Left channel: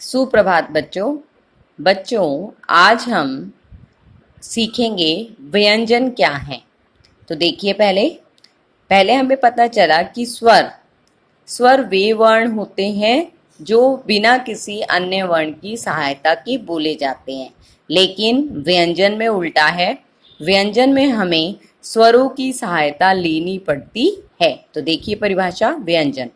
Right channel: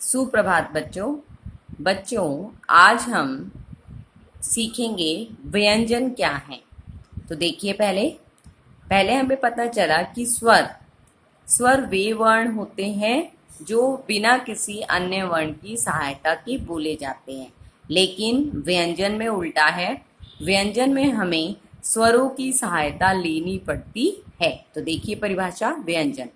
सुप्रभात बच्चों। बच्चों, आज हम सीखेंगे व्यंजन क्या है। तो देखिए, पहले पहले हमें पता चला कि स्वर स्वर वे वर्ण होते हैं जो बिना किसी अन्य वर्ण की सहायता के बोले जाते हैं, लेकिन व्यंजन में उल्टा है। व्यंजन में हमें स्वरों की सहायता लेनी पड़ती है। तो देखिए परिभाषा, व्यंजन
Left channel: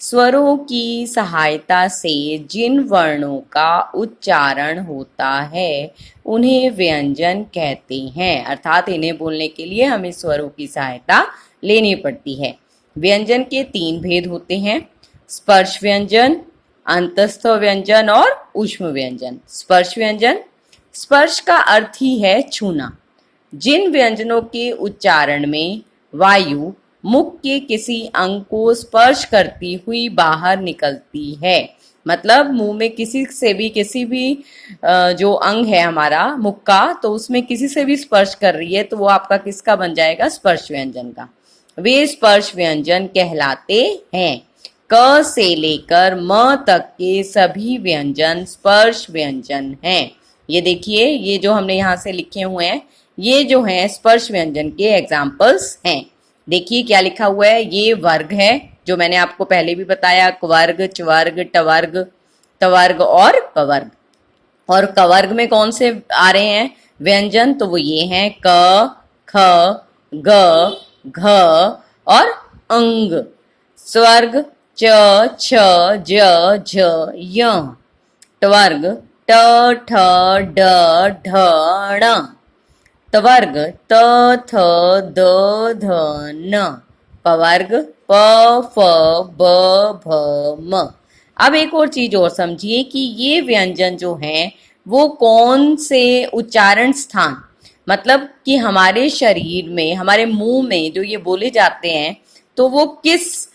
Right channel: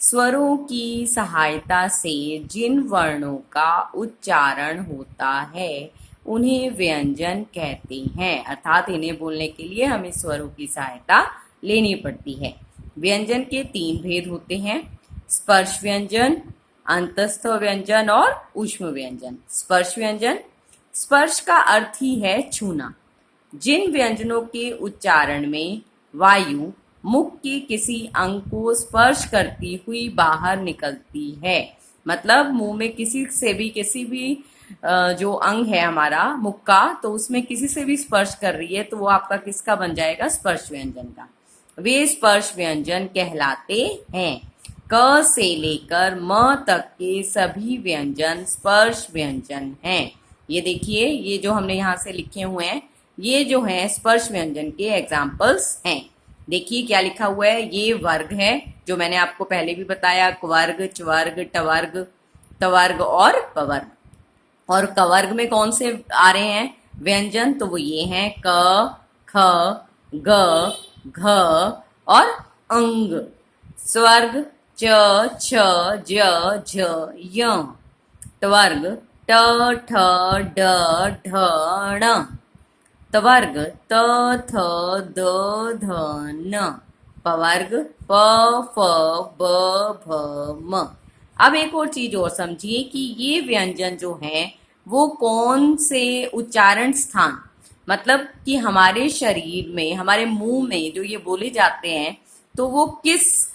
स्वरों की सहायता से जिन वर्णों का उच्चारण होता है उन्हें व्यंजन कहते हैं। अर्थात इन्हें बोलने के लिए हमें स्वरों की सहायता लेनी पड़ती है। व्यंजन के 3 भेद होते हैं: स्पर्श व्यंजन, अंतस्थ व्यंजन और ऊष्म व्यंजन। स्पर्श व्यंजन, स्पर्श का अर्थ ही है छूना। जिन व्यंजनों के उच्चारण में वायु मुख के किसी अंग को स्पर्श करती हुई बाहर निकलती है, मतलब मुंह में किसी भी जो अंग है हमारा मुख का, तो उसमें किसी से भी स्पर्श कर रही है, तो वो आपका किसका बन जाएगा? स्पर्श व्यंजन का। वे स्पर्श व्यंजन कहलाते हैं। क से लेकर म तक के सभी व्यंजन स्पर्श व्यंजन हैं। ये देखिए, ये जो हमने यहाँ से लिखे हुए हैं, ये जो हैं स्पर्श व्यंजन के एग्जाम्पल्स हैं। देखिए क्या लिखा हुआ है। ये वर्ग है जो मैंने आपको पहले भी बताया, क्वर्ग, चवर्ग, टवर्ग, तवर्ग और पवर्ग। और कवर्ग में कौन से आ रहे हैं व्यंजन? तो वो ये हैं क, ख, ग, घ और अंग। स्वर्ग च, छ, ज, झ, य। टवर्ग ट, ठ, ड, ढ, ण। तवर्ग त, थ, द, ध, न। पवर्ग प, फ, ब, भ, म। अब एक और चीज और समझिए कि ये व्यंजन जो हैं वो कौन से उच्चारण स्थान, मतलब कि हमारे शरीर में, हमारे मुंह में जो ये बोले जाते हैं, तो वो किस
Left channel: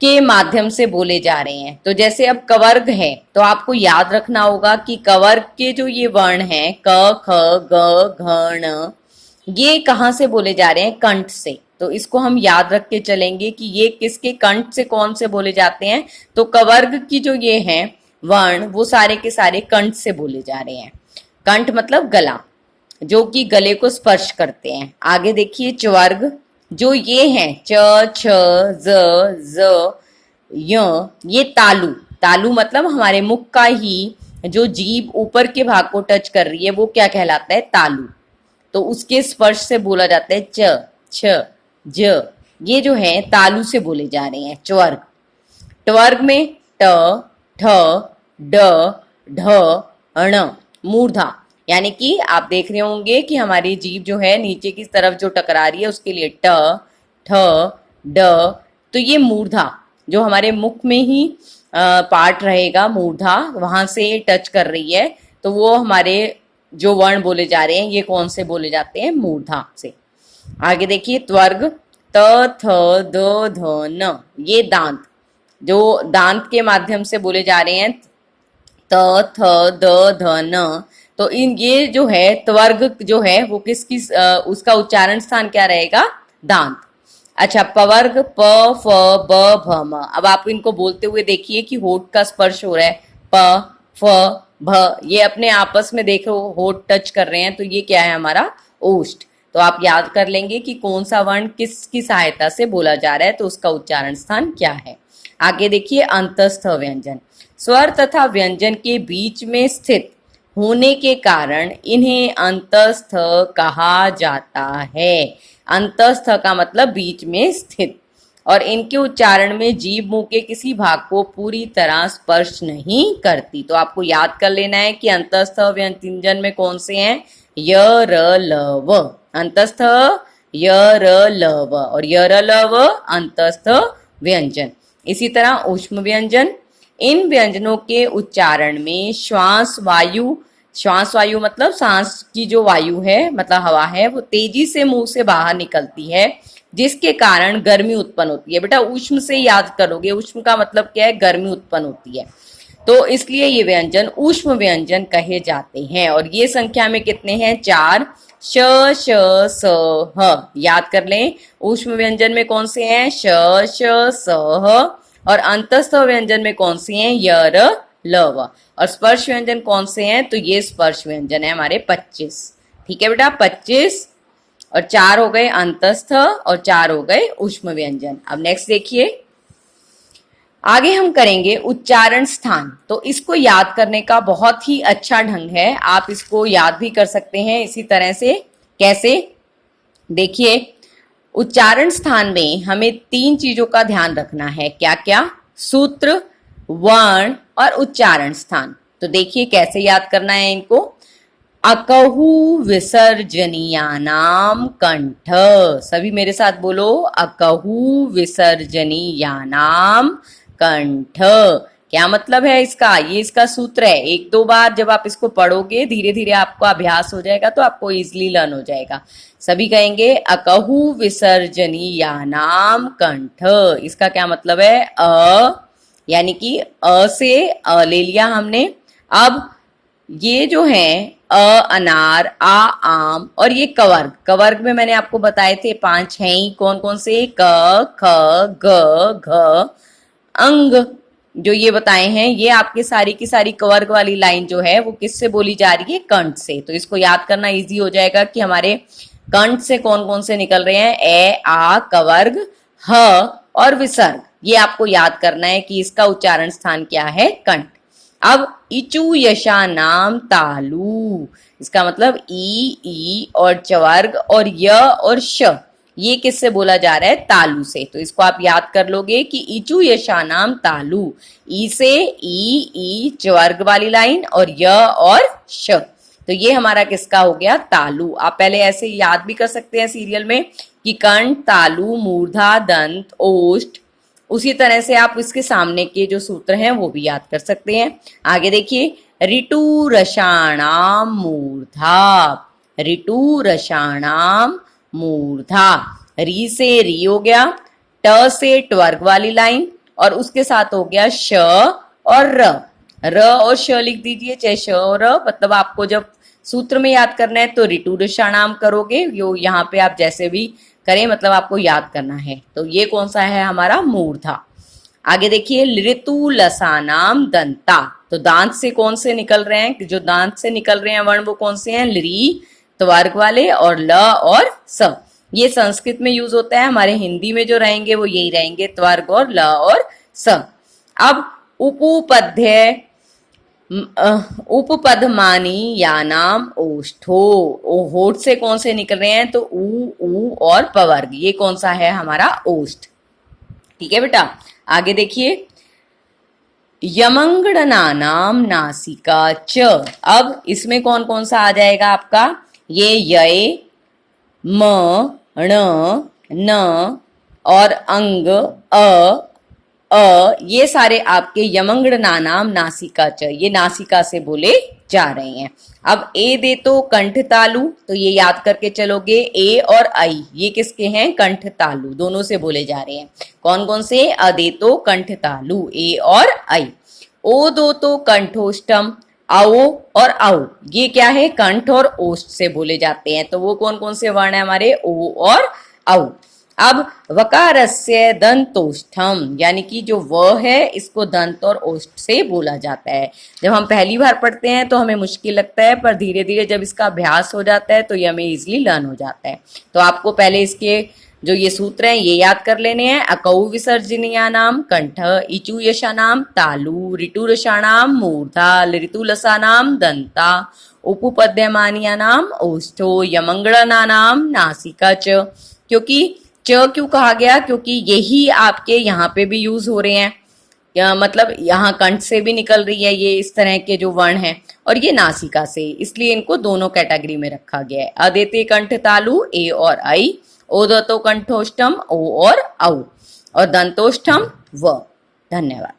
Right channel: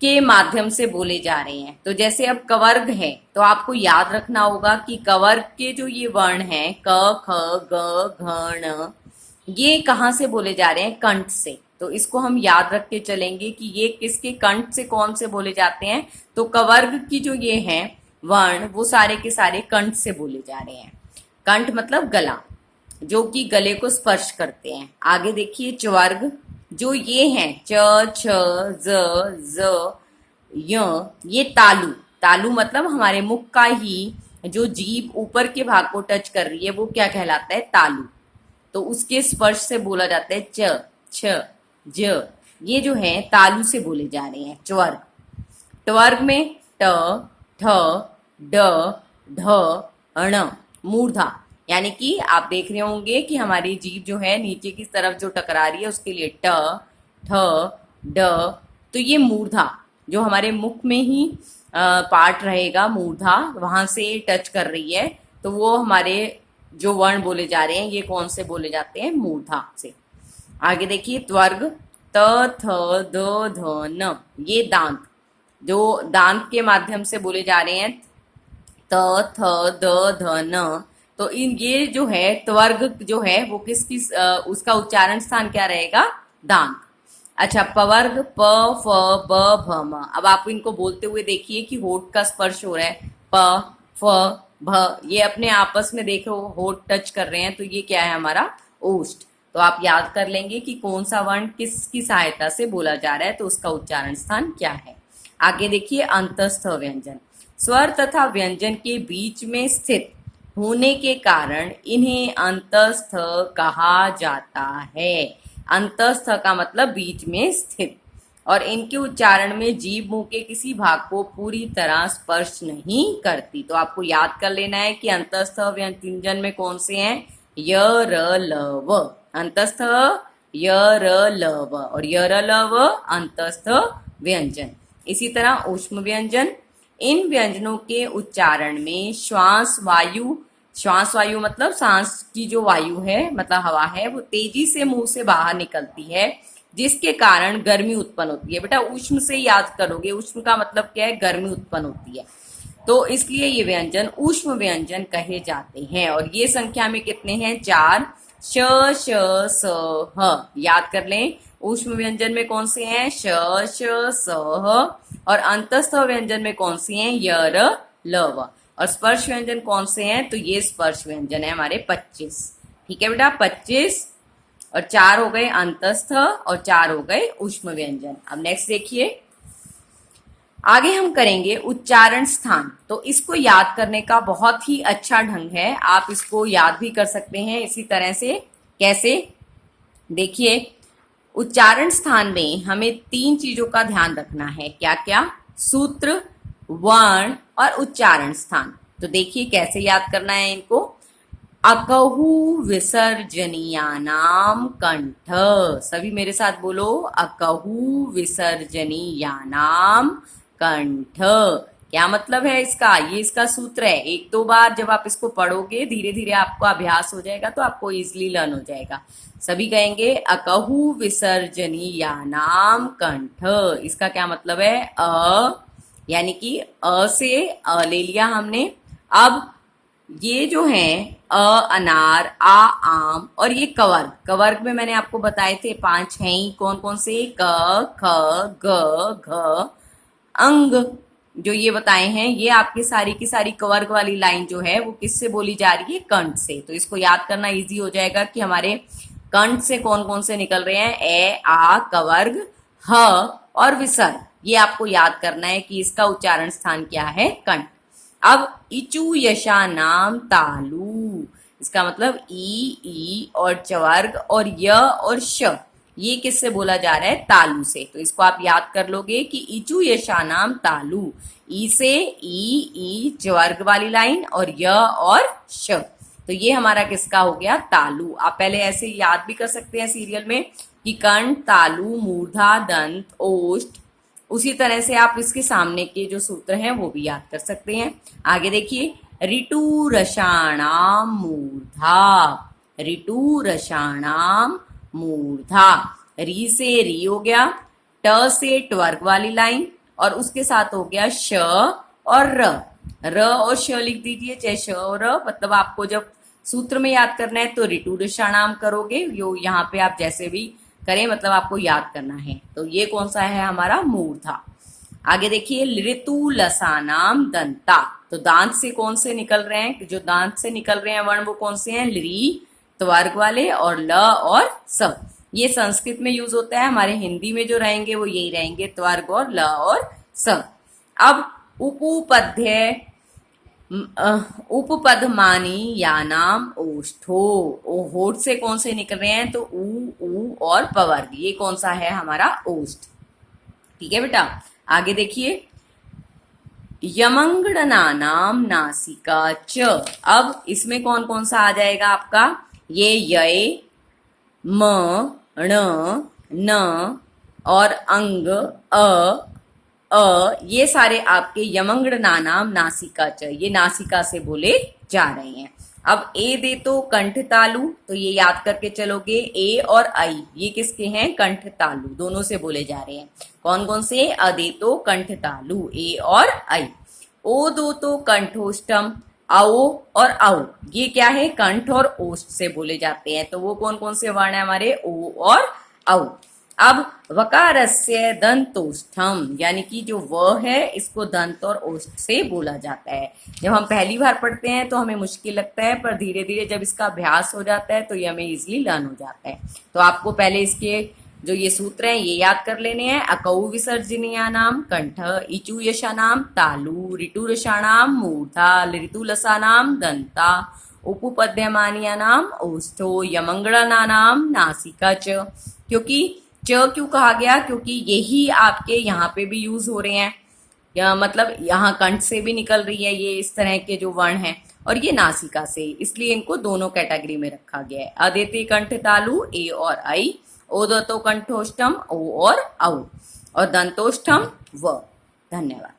के माध्यम से बोले जा रहे हैं। तो जैसे अब कवर्ग है, तो आपको याद रखना होगा कि कवर्ग के जो ये वर्ण हैं क, ख, ग, घ, ण, ये कहाँ से बोले जा रहे हैं? कंठ से। तो इसको हम याद रख के चलेंगे कि ये किसके कंठ से कौन से बोले जाते हैं। तो कवर्ग की जो ये हैं वर्ण, वो सारे के सारे कंठ से बोले जा रहे हैं। कंठ मतलब गला, जो कि गले को स्पर्श करते हैं। आगे देखिए चवर्ग, जो ये हैं च, छ, ज, ज, य, ये तालु। तालु मतलब हमारे मुख का ही जो जीभ ऊपर के भाग को टच कर रही है, वो क्या कहलाता है? तालु। तो उसके स्पर्श से बोला जाता है च, छ, ज। ये जो है तालु से बोले जा रहे हैं चवर्ग। टवर्ग में ट, ठ, ड, ढ, ण, मूर्धा। यानी कि आप देख रहे होंगे कि हमारी जीभ जो है नीचे की तरफ जो टकरा रही है, उसके लिए ट, ठ, ड। तो ये मूर्धा जो हमारे मुख में ही पार्ट रहेगा, मूर्धा वहां से टच कर रही है, तो वो हमारे जो वर्ण बोले जा रहे हैं ये कौन से बोले जाते हैं? मूर्धा से। आगे देखिए त्वर्ग त, थ, द, ध, न। ये दांत, जो दांत के माध्यम से बोले जा रहे हैं त, थ, द, ध, न। तो इन ये जो है त्वर्ग जो है वो किसकी उसका उच्चारण स्थान क्या रहेगा? दांत। अच्छा, पवर्ग प, फ, ब, भ, म। अब आप इनको बोलते हुए देखिए कि होठ का स्पर्श हो रहा है। प, फ, भ, ये अपने आपस में देखो होठ टच कर रहे हैं, तो ये क्या है? हमारा ओष्ठ। तो आप याद कर लेंगे कि कौन सा वर्ण किसकी सहायता से बोला जा रहा है, तो उसका उच्चारण स्थान क्या है। आगे देखिए अंतस्थ व्यंजन। स्वर तथा व्यंजन के बीच में स्थित होने के कारण इन्हें अंतस्थ कहा जाता है। अंतस्थ का मतलब बीच में स्थित। और इनके उच्चारण में जीभ मुंह के किसी भाग को पूरी तरह स्पर्श नहीं करती। तो आपको याद कर लेना है कि अंतस्थ व्यंजन में कौन से हैं? य, र, ल, व। अंतस्थ य, र, ल, व, और य, र, ल, व अंतस्थ व्यंजन। इसी तरह ऊष्म व्यंजन। इन व्यंजनों के उच्चारण में श्वास वायु मतलब सांस की जो वायु है, मतलब हवा है, वो तेजी से मुंह से बाहर निकलती है, जिसके कारण गर्मी उत्पन्न होती है। बेटा ऊष्म से याद करोगे, ऊष्म का मतलब क्या है? गर्मी उत्पन्न होती है। तो इसलिए ये व्यंजन ऊष्म व्यंजन कहे जाते हैं। और ये संख्या में कितने हैं? 4। श, श, स, ह। याद कर लें, ऊष्म व्यंजन में कौन से हैं? श, श, स, ह। और अंतस्थ व्यंजन में कौन से हैं? य, र, ल व। और स्पर्श व्यंजन कौन से हैं? तो ये स्पर्श व्यंजन है हमारे 25। ठीक है बेटा, 25 और 4 हो गए अंतस्थ और 4 हो गए ऊष्म व्यंजन। अब नेक्स्ट देखिए, आगे हम करेंगे उच्चारण स्थान। तो इसको याद करने का बहुत ही अच्छा ढंग है, आप इसको याद भी कर सकते हैं इसी तरह से। कैसे? देखिए, उच्चारण स्थान में हमें 3 चीजों का ध्यान रखना है। क्या क्या? सूत्र, वर्ण और उच्चारण स्थान। तो देखिए कैसे याद करना है इनको। अकहु विसर्जनीयानाम कंठ। सभी मेरे साथ बोलो, अकहु विसर्जनीयानाम कंठ। क्या मतलब है इसका? ये इसका सूत्र है। 1-2 बार जब आप इसको पढ़ोगे, धीरे धीरे आपको अभ्यास हो जाएगा तो आपको इजीली लर्न हो जाएगा। सभी कहेंगे अकहु विसर्जनीयानाम कंठ। इसका क्या मतलब है? यानी कि अ से अ ले लिया हमने। अब ये जो है अनार, आम और ये कवर्ग। कवर्ग में मैंने आपको बताए थे 5 हैं ही। कौन कौन से? क, ख, ग, घ, अंग। जो ये बताए हैं, ये आपके सारी की सारी कवर्ग वाली लाइन जो है वो किससे बोली जा रही है? कंठ से। तो इसको याद करना इजी हो जाएगा कि हमारे कंठ से कौन कौन से निकल रहे हैं। ए, आ, कवर्ग, ह और विसर्ग। ये आपको याद करना है कि इसका उच्चारण स्थान क्या है? कंठ। अब इचु यशा नाम तालु। इसका मतलब ई और चवर्ग और य और श, ये किससे बोला जा रहा है? तालु से। तो इसको आप याद कर लोगे कि इचु यशा नाम तालु। ई से ई चवर्ग वाली लाइन और य और श। तो ये हमारा किसका हो गया? तालु। आप पहले ऐसे याद भी कर सकते हैं सीरियल में कि कंठ, तालु, मूर्धा, दंत, ओष्ठ। उसी तरह से आप इसके सामने के जो सूत्र हैं वो भी याद कर सकते हैं। आगे देखिए, ऋतु रसाणाम मूर्धा। ऋतु रसाणाम मूर्धा। री से री हो गया, ट से ट्वर्ग वाली लाइन और उसके साथ हो गया श और र और श लिख दीजिए, चाहे श और र। मतलब आपको जब सूत्र में याद करना है तो ऋतु रसाणाम करोगे, यो यहाँ पे आप जैसे भी करें, मतलब आपको याद करना है। तो ये कौन सा है? हमारा मूर्धा। आगे देखिए, ऋतु लसानाम दंता। तो दांत से कौन से निकल रहे हैं? जो दांत से निकल रहे हैं वर्ण वो कौन से हैं? ली, त्वर्ग वाले और ल और स। ये संस्कृत में यूज होता है, हमारे हिंदी में जो रहेंगे वो यही रहेंगे, त्वर्ग और ल और स। अब उपपद्य उपपदमानी या नाम ओष्ठो। होठ से कौन से निकल रहे हैं? तो ऊ और पवर्ग। ये कौन सा है? हमारा ओष्ठ। ठीक है बेटा, आगे देखिए, यमंगड़नानाम नासिका च। अब इसमें कौन कौन सा आ जाएगा आपका? ये य, म, ण, न और अंग ये सारे आपके यमंगड़नानाम नासिका च, ये नासिका से बोले जा रहे हैं। अब ए दे तो कंठ तालु, तो ये याद करके चलोगे। ए और आई ये किसके हैं? कंठ तालु, दोनों से बोले जा रहे हैं। कौन कौन से? अदे तो कंठ तालु, ए और आई। ओ दो तो कंठोष्टम, आओ और आओ, ये क्या है? कंठ और ओष्ठ से बोले जाते हैं। तो वो कौन कौन से वर्ण है हमारे? ओ और औ। अब वकारस्य दंतोष्ठम, यानी कि जो व है इसको दंत और ओष्ठ से बोला जाता है। जब हम पहली बार पढ़ते हैं तो हमें मुश्किल लगता है, पर धीरे धीरे जब इसका अभ्यास हो जाता है तो ये हमें इजीली लर्न हो जाता है। तो आपको पहले इसके जो ये सूत्र हैं ये याद कर लेने हैं। अकौ विसर्जनीयानाम कंठ, इचु यशानाम तालु, ऋतु रसाणाम मूर्धा, ऋतु लसानाम दंता, उपपद्यमानियानाम ओष्ठो, यमंगड़नानाम नासिका च। क्योंकि च क्यों कहा गया? क्योंकि यही आपके यहाँ पे भी यूज हो रहे हैं, या मतलब यहाँ कंठ से भी निकल रही है ये इस तरह के जो वर्ण हैं, और ये नासिका से, इसलिए इनको दोनों कैटेगरी में रखा गया है। अदेते कंठ तालु, ए और आई। ओदतो कंठोष्टम, ओ और औ। और दंतोष्टम, व। धन्यवाद।